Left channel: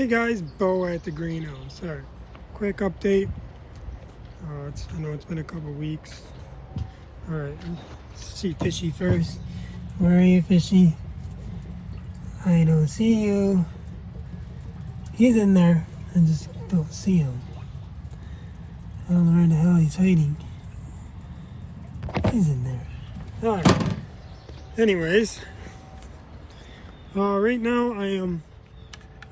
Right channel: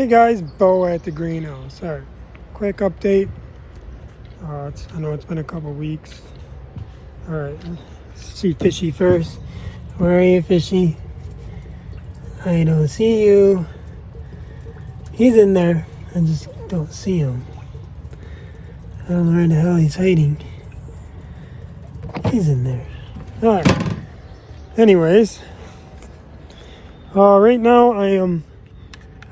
Hey guys, Bo at the greenhouse. Alright, quick update. I know it's been a couple weeks. Alright, let's see Fishy first. Where are you, Fishy? I don't see you. He's in there. I just don't see him. I don't know where the hell he's hiding. He's in there. Alright. Anyways. Right now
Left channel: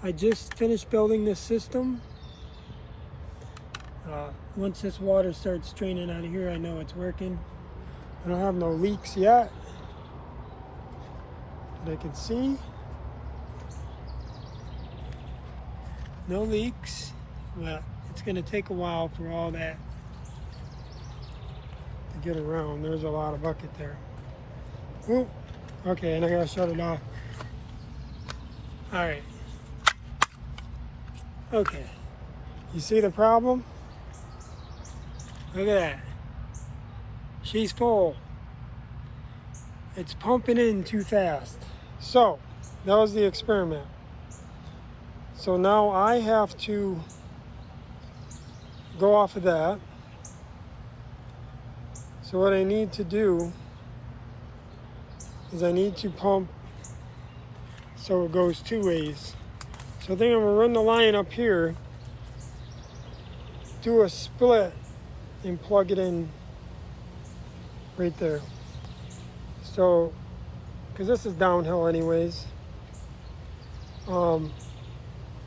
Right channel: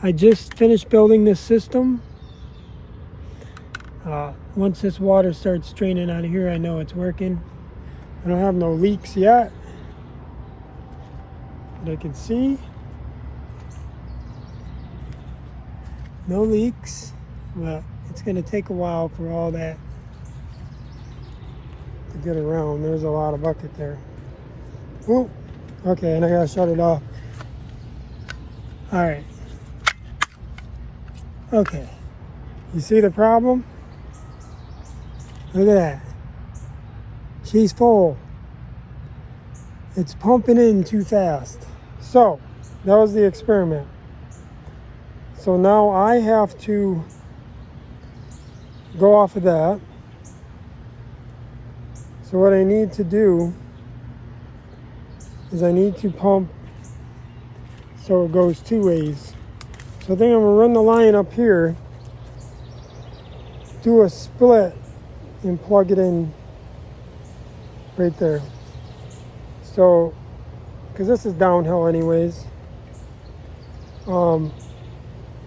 I just finished building this system. Once this water starts draining out of here, I know it's working. I don't have no leaks yet that I can see. No leaks, but it's going to take a while for all that to get around. There's a lot of bucket there. Ooh, okay, and I got to shut it off. All right. Okay, you see the problem? Look at that. She's full. It's pumping in too fast. So, that was the experiment. So now I have to go off of that. So what I need to do is I need to pump so it goes two ways. So I think I'm gonna run the line up here, do a split, and plug it in right there. So, because this is downhill anyways. And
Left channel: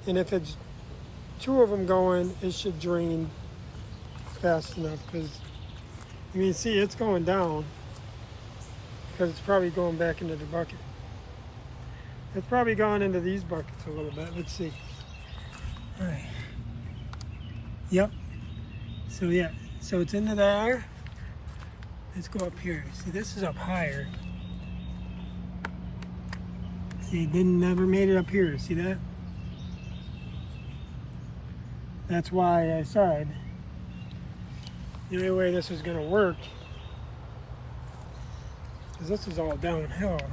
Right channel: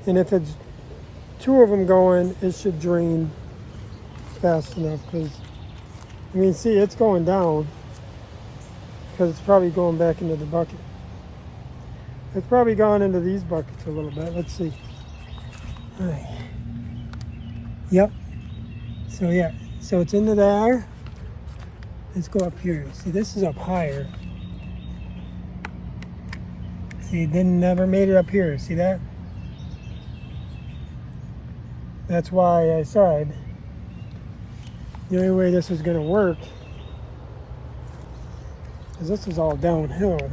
if it's two of them going, it should drain fast enough. Because, I mean, see, it's going down. Because it's probably going back into the bucket. It's probably gone into these buckets a little bit. Let's see. All right. Yep. So yeah. So it's into there. Let's go up here. See, this is up higher. See, it never made it up here. See that? That's why I said the only way this is going to work is this is all downhill.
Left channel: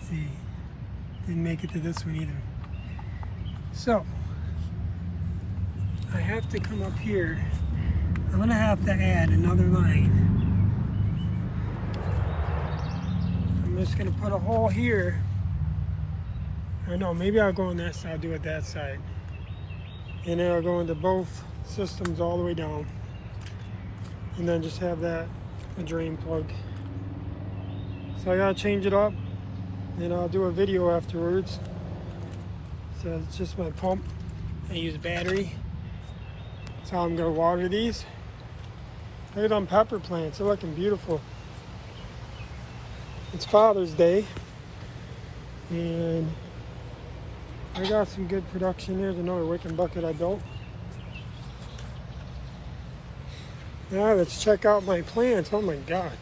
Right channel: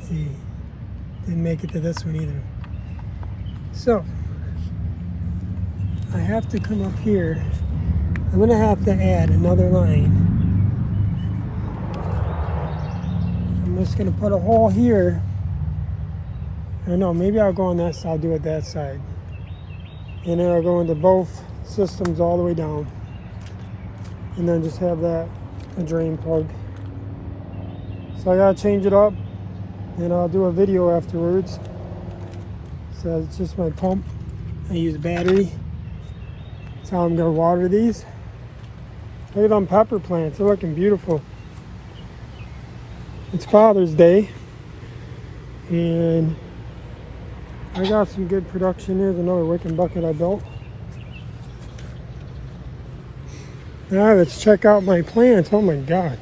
See, didn't make it to this one either. So I have to come up here. I'm gonna have to add another line. I'm just gonna put a hole here. I don't know, maybe I'll go on that side. I'll do it that side, and then I'll go into both systems all the way down, and then just have that a drain plug. So I gotta change it up. And I'll do a video afterwards. So it's just my pump. I use battery. So I'm gonna water these. Look at them pepper plants, they're looking beautiful. It's Father's Day. And I got some good production. Here's another wicking bucket I built. Now let's check out my plants. Oh my God.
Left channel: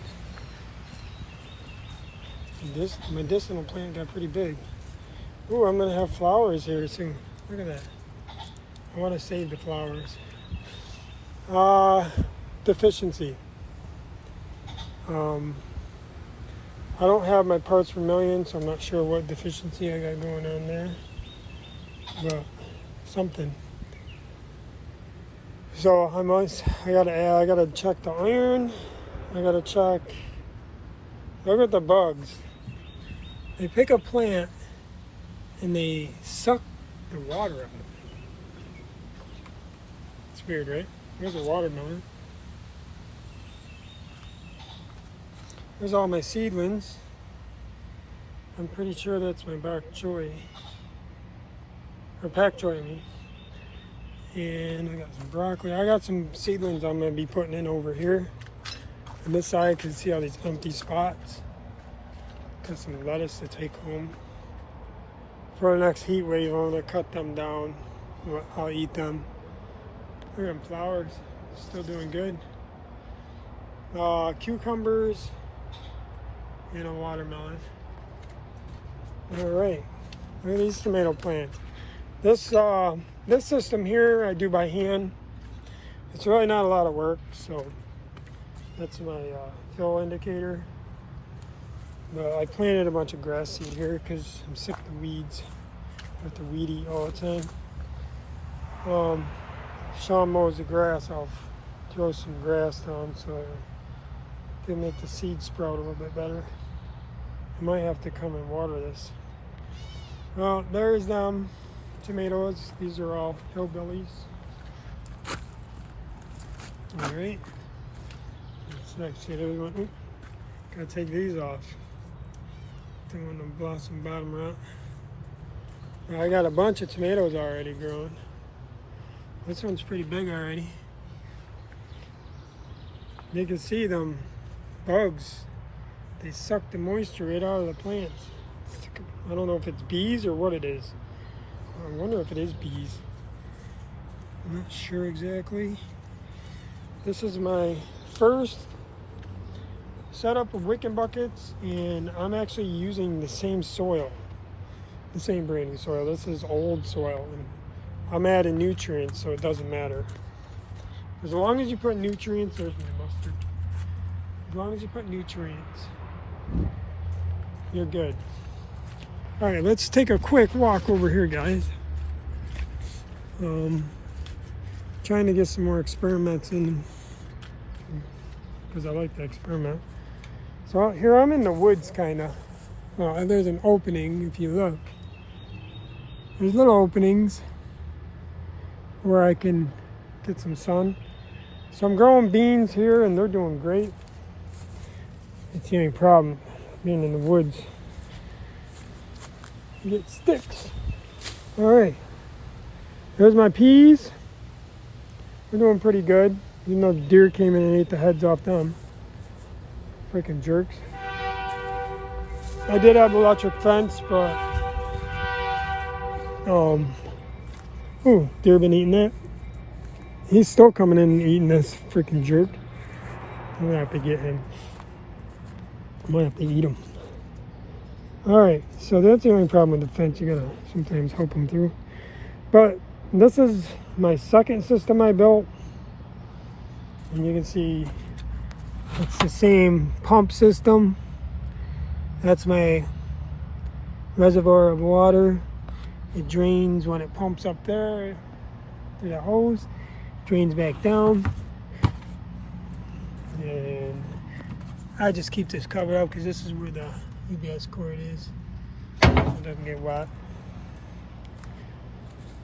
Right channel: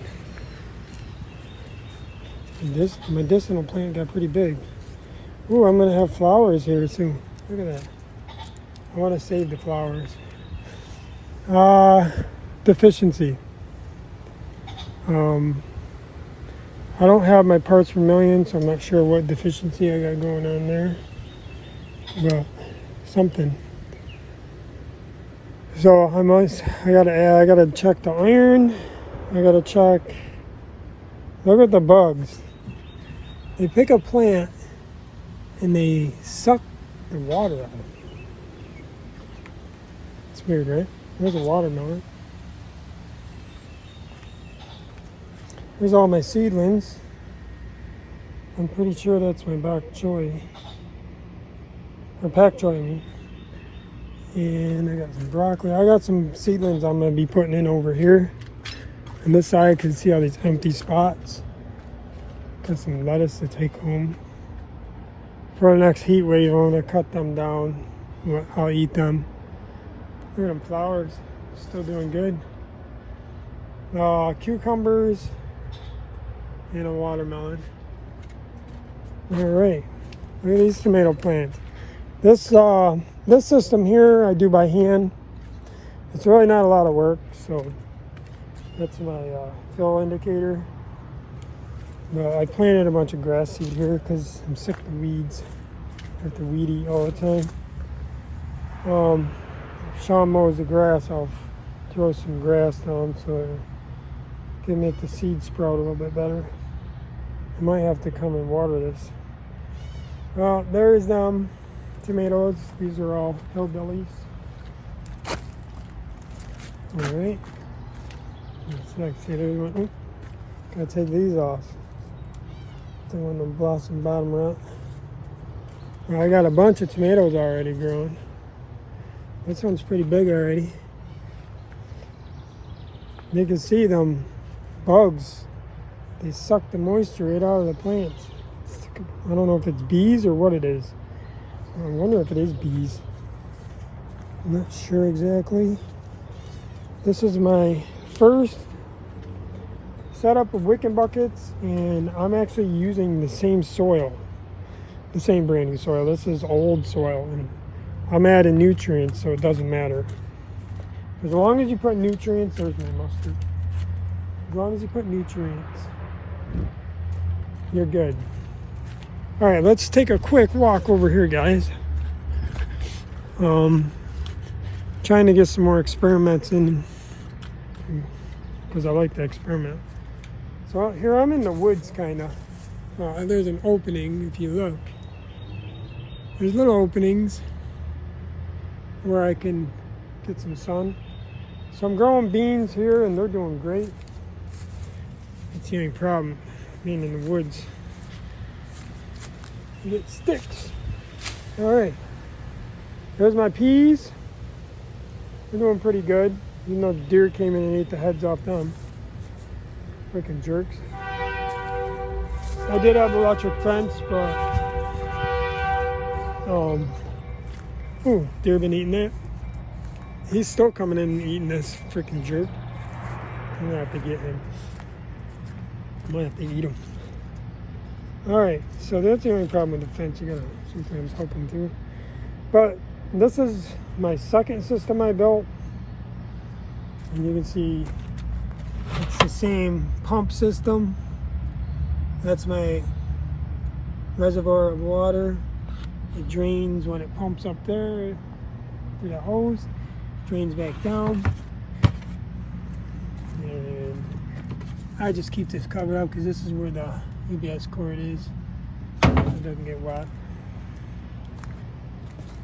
This medicinal plant got pretty big. Ooh, I'm gonna have flowers here soon. Look at that. I want to save the flowers. Deficiency. I don't have my parts per million, so I'm not sure what deficiency I got going on there. But something. So I gotta check the iron. I gotta check. Look at the bugs. They pick a plant and they suck the water out of it. It's weird, right? There's a watermelon. Here's all my seedlings. I'm pretty sure that's my bok choy. Or pak choy, I mean. And I got some broccoli. I got some seedlings I'm going to be putting in over here. On this side, you can see all these empty spots. Got some lettuce to take home. For the next heat wave, I'm going to cut them down. I'll eat them. Look at them flowers. Still doing good. Cucumbers and a watermelon. Alright. Look at these tomato plants. This system here I do by hand. It's really not a lot of work, so that's my fill indicator. But I planted a bunch of grass seed here because I'm sick of weeds. I have to weed eat all the time. If Sean mows the grass, I'll throw some grass down so it can make the seed sprout a little bit better. I might have to come and water this. Well, there's them tomatoes. These are all hillbillies. Alright. Let's actually do it. Gotta take these off. Don't want them blossom bottom out. Well, I got a bunch of tomatoes already growing. This one's pretty big already. You can see them bugs. They suck the moisture right out of the plants. I don't know if it's bees or what it is. I wonder if it is bees. I'm not sure exactly. This is my first setup of wicking buckets, and I'm actually using the same soil, the same brand new soil. This is old soil, and I'm adding nutrients, so it doesn't matter. As long as you put nutrients, there's my mustard. As long as you put nutrients, you're good. All right, let's take a quick walk over here, guys. Trying to get some more experiments in because I like to experiment. So here I'm in the woods, kind of. Well, there's an opening if you look. There's little openings where I can get some sun. So I'm growing beans here, and they're doing great. That's the only problem, being in the woods. You get sticks. All right, there's my peas. They're doing pretty good, even though the deer came in and ate the heads off them. Freaking jerks. I did have electric fence, but ooh, deer been eating that. He's still coming in and eating this freaking jerk. I'm gonna have to get him. I might have to eat him. Alright, so that's the only problem with the fence. You gotta sometimes hook them through. But this is my second system I built. And you can see it's the same pump system. That's my reservoir of water. It drains when it pumps up there through the hose. Drains back down. And I just keep this covered up because this is where the UBS cord is, so it doesn't get wet.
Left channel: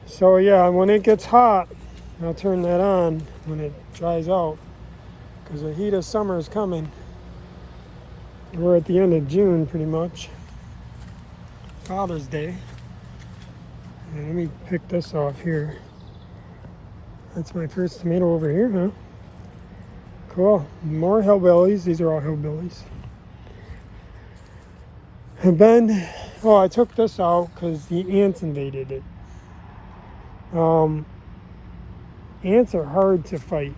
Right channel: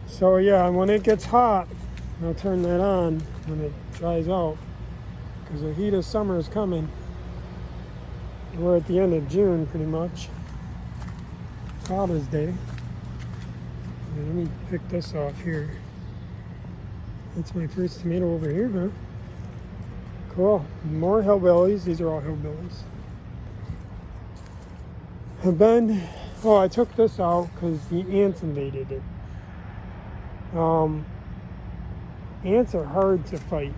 So yeah, when it gets hot, I'll turn that on when it dries out, because the heat of summer is coming. We're at the end of June pretty much. Father's Day. And let me pick this off here. That's my first tomato over here, huh? Cool. More hillbillies. These are all hillbillies. And then, oh, I took this out because the ants invaded it. Ants are hard to fight.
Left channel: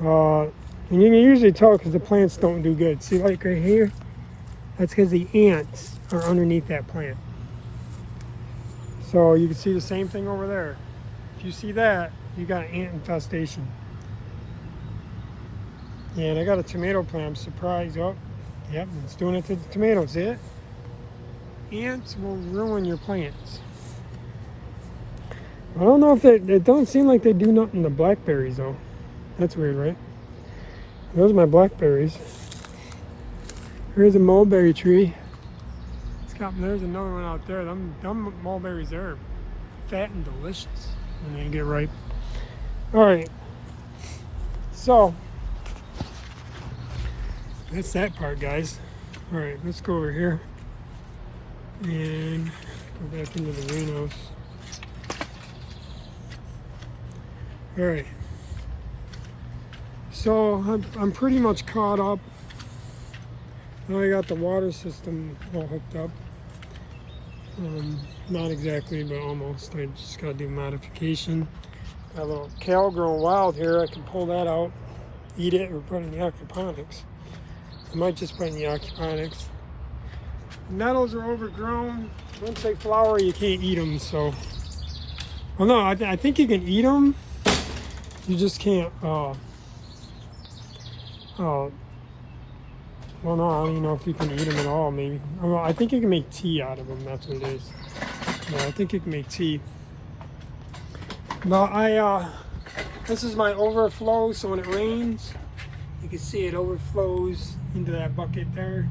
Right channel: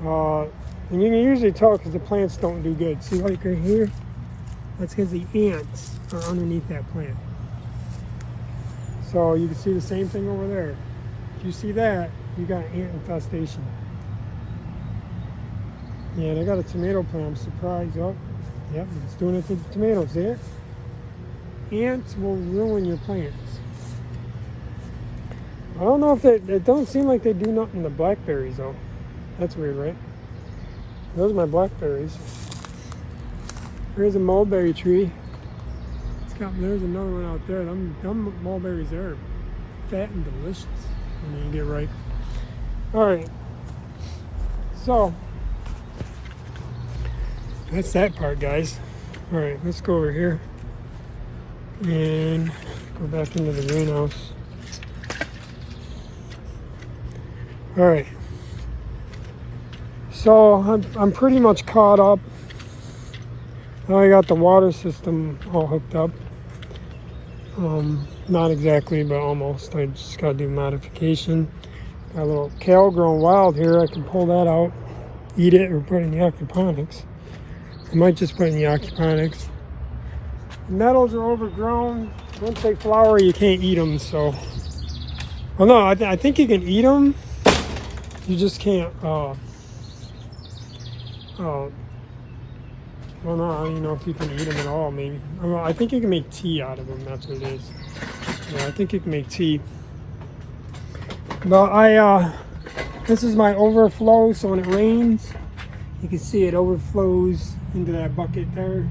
And you can usually tell because the plants don't do good. See, like right here? That's because the ants are underneath that plant. So you can see the same thing over there. If you see that, you got an ant infestation. Yeah, and I got a tomato plant. I'm surprised. Oh, yep, it's doing it to the tomatoes. See it? Ants will ruin your plants. I don't know if it don't seem like they do nothing to blackberries though. That's weird, right? Those are my blackberries. There's a mulberry tree. There's another one out there. Them mulberries there are fat and delicious when they get ripe. Alright. So that's that part, guys. Alright, let's go over here and go back into the greenhouse. Alright. So I'm pretty much caught up. Now I got the water system all hooked up. Not exactly, but almost. I just gotta do modification. Got a little kale growing wild here. I can pull that out, eat it, or put it in the aquaponics. I might just put it in the aquaponics. The nettles are overgrown. Once they flower, you can't eat them. So, well, no, I think you can eat them. You just can't. Well, no, I don't know if you can eat them at all. Maybe. I think you can make tea out of them. That's what it is. Yeah, I think you can make tea. But this is my overflow. So when it rains, you can see it overflows into that bucket there.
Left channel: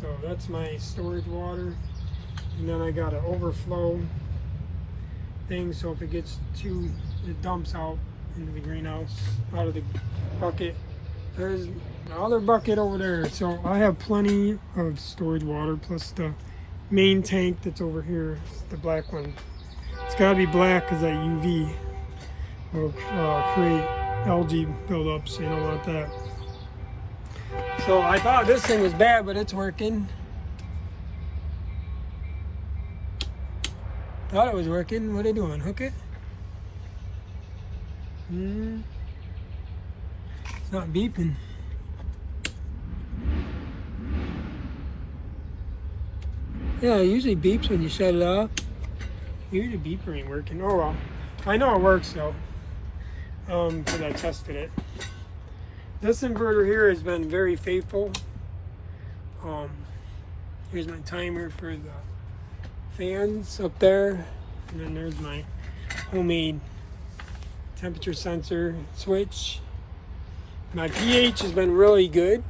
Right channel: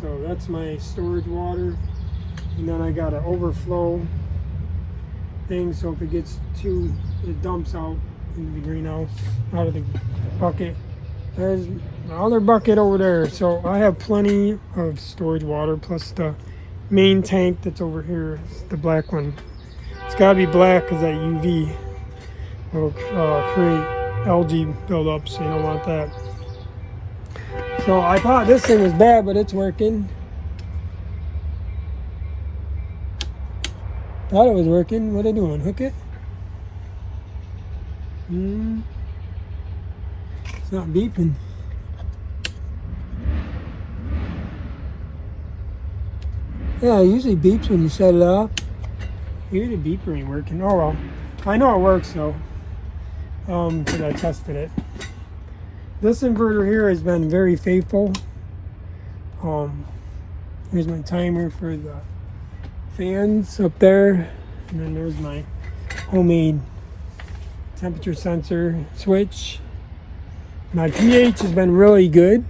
So that's my storage water. And then I got an overflow thing. So if it gets too, it dumps out into the greenhouse, out of the bucket. There's the other bucket over there. So I have plenty of storage water, plus the main tank that's over here, the black one. It's gotta be black because that UV will create algae buildup, so you don't want that. So I thought this thing was bad, but it's working. Thought it was working. What are they doing? Hook it? It's not beeping. Yeah, it usually beeps when you shut it off. Maybe the beeper ain't working. Oh well. I know it works though. Because I tested it. This inverter here has been very faithful. Here's my timer for the fans up there. And then there's my homemade temperature sensor switch. My pH has been really good.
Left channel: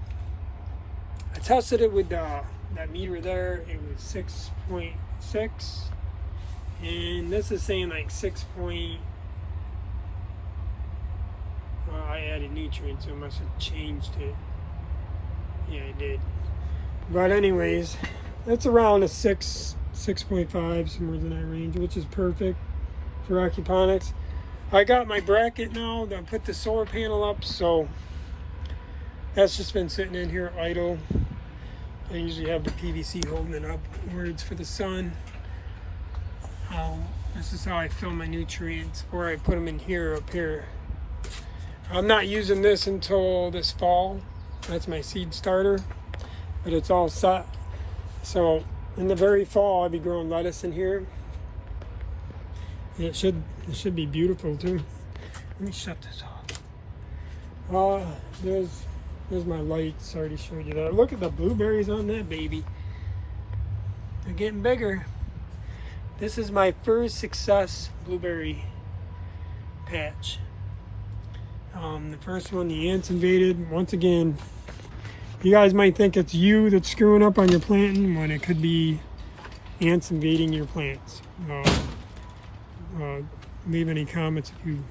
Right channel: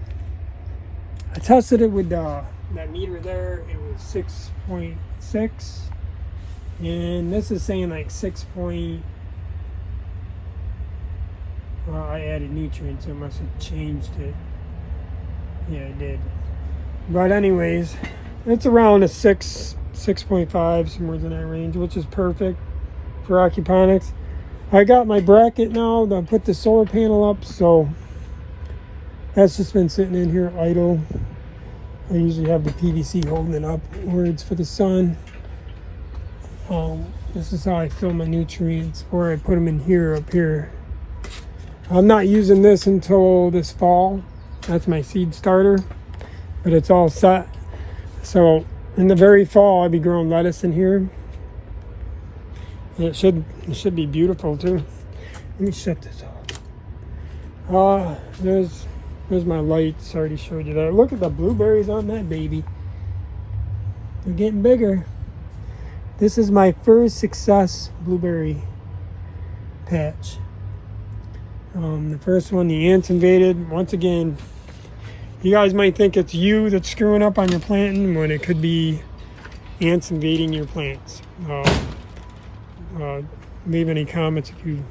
I tested it with that meter there. It was 6.6. And this is saying like 6. I added nutrients, it must have changed it. Yeah, it did. But anyways, it's around a 6.5, somewhere in that range, which is perfect for aquaponics. I got my bracket now to put the solar panel up, so that's just been sitting in here idle. I usually have the PVC holding it up where it's for the sun. This is how I fill my nutrients, or I put them in here, up here. I'm not using this until this fall. That's my seed starter, but it's all set. So in the very fall, I'll be growing lettuce in here. And it should be beautiful too. Let me shut this off. There's my lights. I already showed you that. Look at the blueberries on that baby. They're getting bigger. This is my first success blueberry patch. The first one, the ants invaded. Once again, you guys might think it's you that's screwing up on your planting when it could be ants invading your plants. Leave any comments if you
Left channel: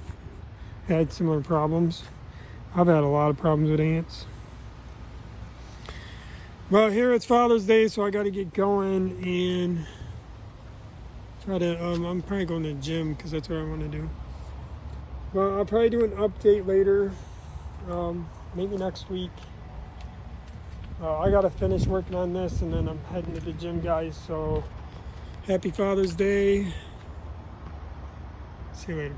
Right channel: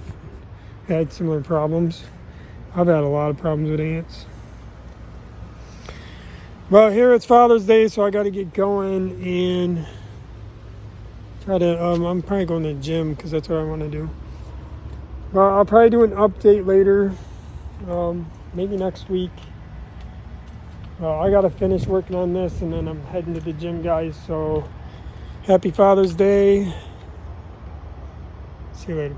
had similar problems. I've had a lot of problems with ants. Well, here it's Father's Day, so I got to get going and try to. I'm probably going to the gym because that's what I want to do. Well, I'll probably do an update later, maybe next week. I got to finish working on this, and then I'm heading to the gym, guys. So, happy Father's Day. See you later.